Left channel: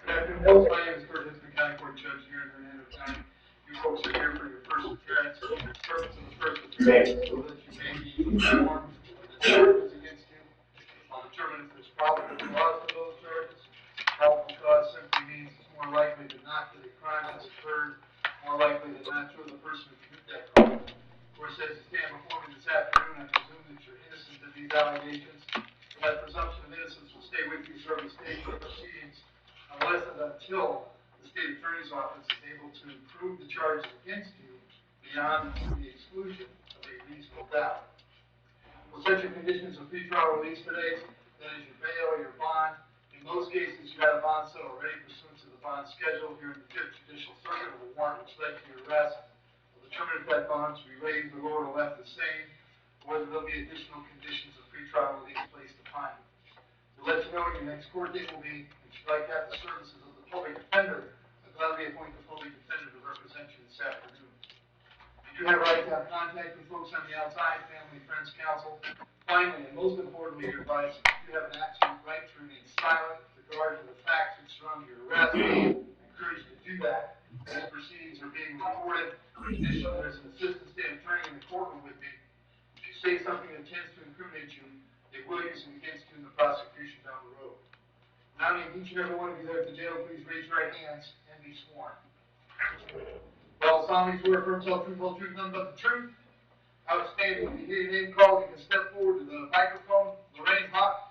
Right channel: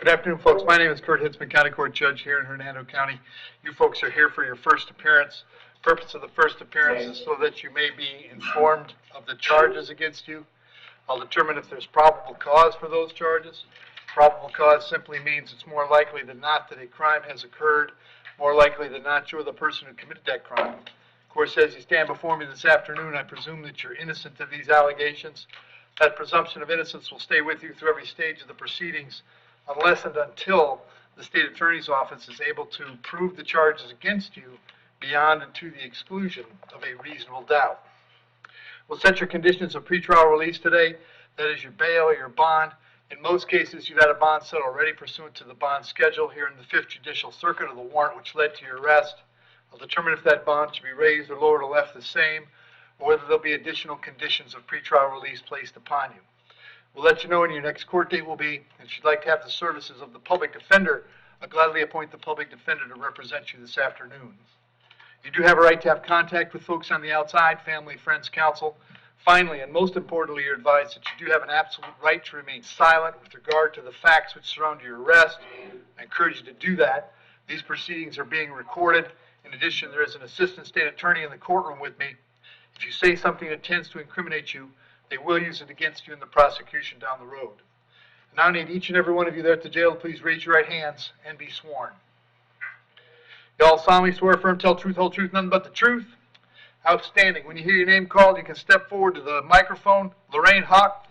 Good afternoon, folks. My name is Hitzemann, County Court Judge here in Hernando County. You folks are here for your first appearance. The purpose of the first appearance is so that you may be informed of the charges against you. I'll determine if there's probable cause for those charges. Probable cause simply means it's more likely than not that a crime has occurred, more likely than not you're the person who committed that crime. Of course, as you stand before me this afternoon, I presume that you're innocent of these allegations. That presumption of innocence will stay with you through every stage of the proceedings, unless and until the state attorney's office is able to prove the charges against you beyond and to the exclusion of a reasonable doubt. We'll set your conditions of pretrial release today. That is your bail or your bond. In most cases, you've had a bond set already pursuant to the bond schedule here in the 5th Judicial Circuit of the warrant which led to your arrest. I'll determine if that bond should be raised or lowered or left the same, or whether there'll be additional conditions of pretrial release placed upon you. We'll let you know when your next court date will be, and if you'd like to have the services of the public defender, I'll gladly appoint the public defender to represent you this afternoon. You do have a right to have contact with folks on the outside, family, friends, counsel. Finally, and most importantly, you're advised that you do have an absolute right to remain silent with regard to the facts which surround your arrest. I encourage you to do that. These proceedings are being recorded. In addition, there is an assistant state attorney in the courtroom with me. If you say something that tends to incriminate you, they will use it against you in the prosecution down the road. Now I need each and every one of you there at the jail to please raise your right hands and be sworn. You all solemnly swear affirm, tell truth, whole truth, nothing but the truth. Outstanding. When you hear your name called, you can step forward to the microphone. Lorraine Hawk.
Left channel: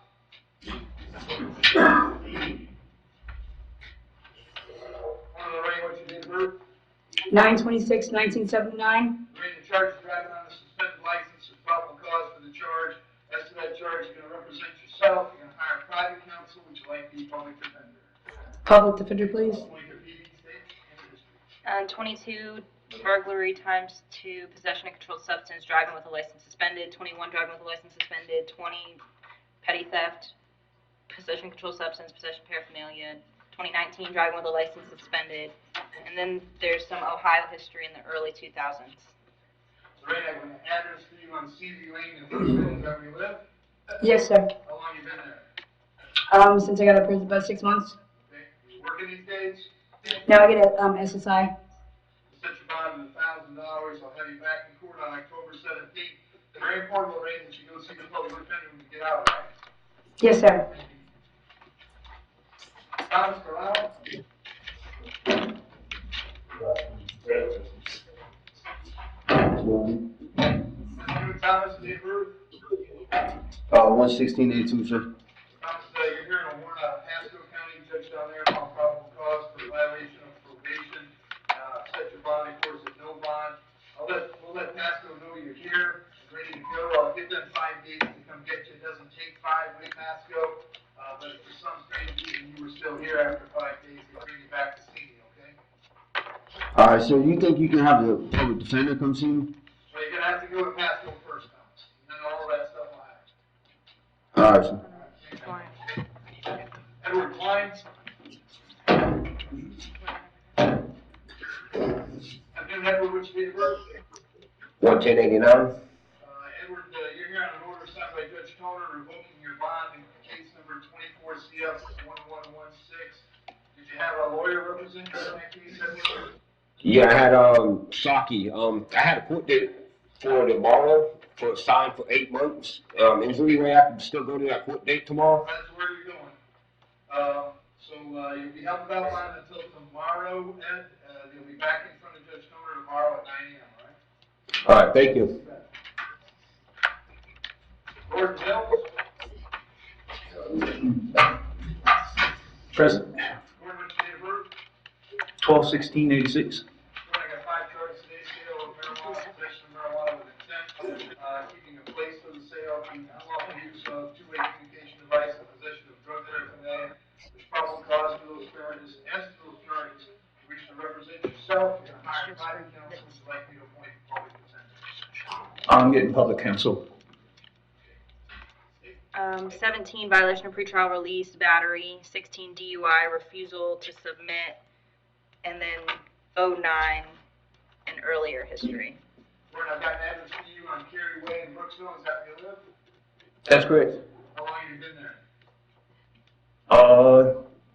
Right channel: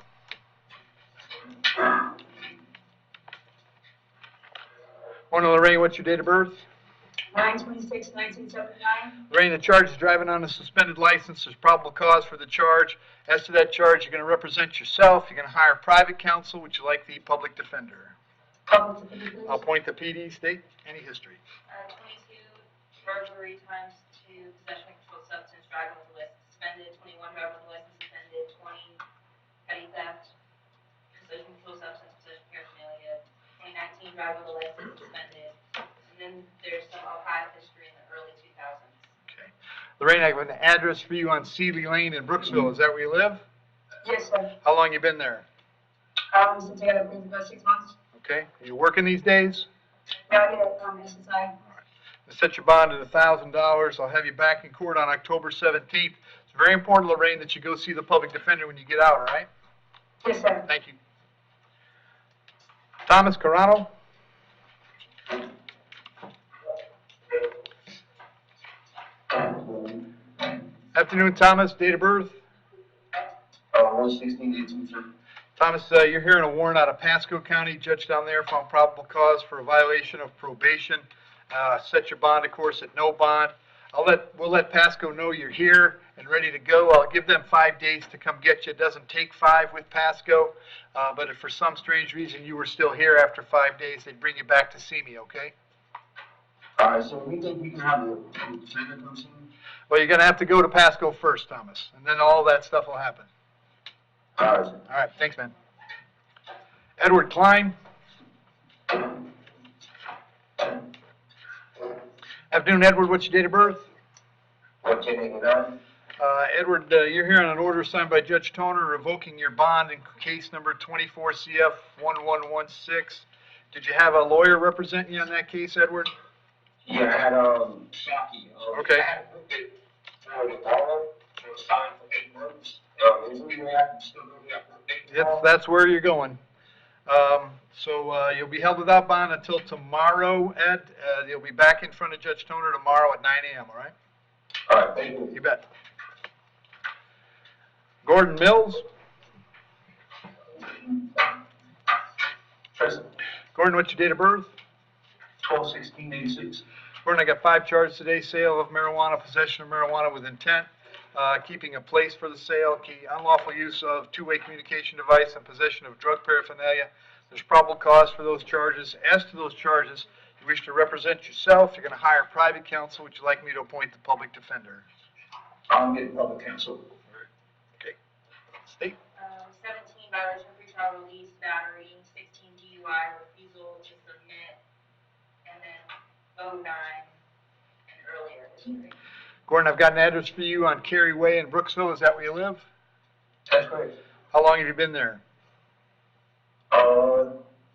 Morning, Lorraine. What's your date of birth? 9/26/1979. Lorraine, the charge is driving on a suspended license. There's probable cause for the charge. As to that charge, you're going to represent yourself. You're going to hire private counsel. Would you like the public defender? Public defender, please. I'll point the PD, state, any history. 22 burglary times 2 possession of controlled substance, driving with a license suspended. 21 driving with a license suspended. 20 petty theft, possession of controlled substance, possession of paraphernalia. 2019 driving with a license suspended. And then there's some Ohio history in the early 2000s. Lorraine, I have an address for you on Seeley Lane in Brooksville. Is that where you live? Yes, sir. How long you been there? Since I got approved, about 6 months. Okay. Are you working these days? No, I get a SSI. I'll set your bond at $1,000. I'll have you back in court on October 17th. It's very important, Lorraine, that you go see the public defender when you get out, all right? Yes, sir. Thank you. Thomas Carano. Afternoon, Thomas. Date of birth? 1/16/82, sir. Thomas, you're hearing a warrant out of Pasco County. Judge down there found probable cause for a violation of probation. Set your bond, of course, at no bond. We'll let Pasco know you're here and ready to go. I'll give them 5 days to come get you. It doesn't take 5 with Pasco, but if for some strange reason you were still here after 5 days, they'd bring you back to see me, okay? All right, so you think you can have the public defender come see me? Well, you're going to have to go to Pasco first, Thomas, and then all that stuff will happen. All right, sir. All right, thanks, man. Edward Klein. Afternoon, Edward. What's your date of birth? 1/10/89. Edward, you're here on an order signed by Judge Toner revoking your bond in case number 24 CF 1116. Did you have a lawyer representing you on that case, Edward? Yeah, I had Saki. Okay. I had a court date for tomorrow for a sign for 8 months. Is there any way I can still go to that court date tomorrow? That's where you're going. So you'll be held without bond until tomorrow, Ed. You'll be back in front of Judge Toner tomorrow at 9 a.m., all right? All right, thank you. You bet. Gordon Mills. Present. Gordon, what's your date of birth? 12/16/86. Gordon, I got 5 charges today: sale of marijuana, possession of marijuana with intent, keeping a place for the sale, unlawful use of two-way communication device, and possession of drug paraphernalia. There's probable cause for those charges. As to those charges, you wish to represent yourself. You're going to hire private counsel. Would you like me to appoint the public defender? I'm getting public counsel. Okay. State. 17 violation of pretrial release, battery. 16 DUI, refusal to submit, and then 09 and earlier history. Gordon, I've got an address for you on Cary Way in Brooksville. Is that where you live? That's correct. How long have you been there?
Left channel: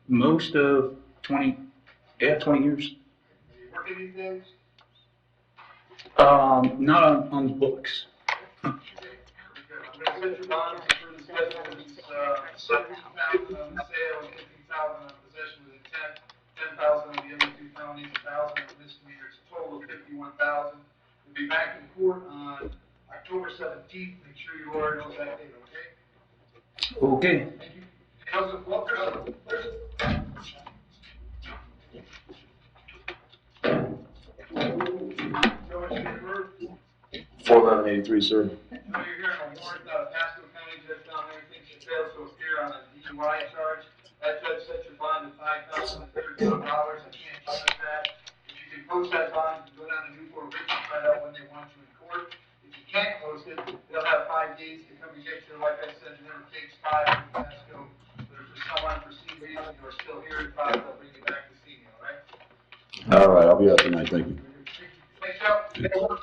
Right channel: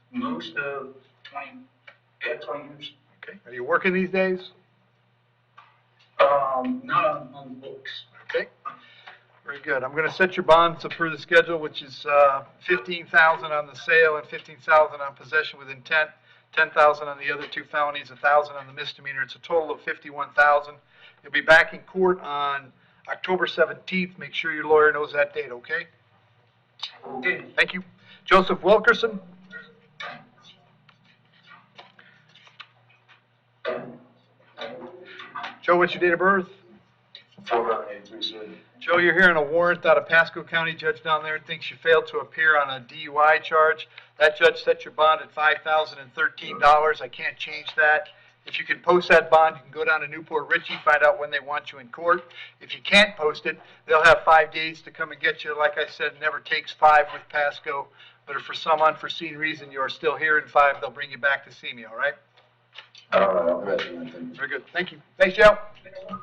Most of 20 years. Okay. Are you working these days? Not on the books. Okay. Very good. I'm gonna set your bonds per the schedule, which is, 15,000 on the sale and 15,000 on possession with intent, 10,000 on the other two felonies, 1,000 on the misdemeanor. It's a total of 51,000. You'll be back in court on October 17th. Make sure your lawyer knows that date, okay? Okay. Thank you. Joseph Wilkerson. Joe, what's your date of birth? 4/11/83, sir. Joe, you're hearing a warrant out of Pasco County. Judge down there thinks you failed to appear on a DUI charge. That judge set your bond at $5,013. I can't change that. If you can post that bond, you can go down to Newport Richie, find out when they want you in court. If you can't post it, they'll have 5 days to come and get you. Like I said, it never takes 5 with Pasco. But if for some unforeseen reason you are still here in 5, they'll bring you back to see me, all right? All right, I'll be back tonight, thank you. Very good. Thank you. Thanks, Joe.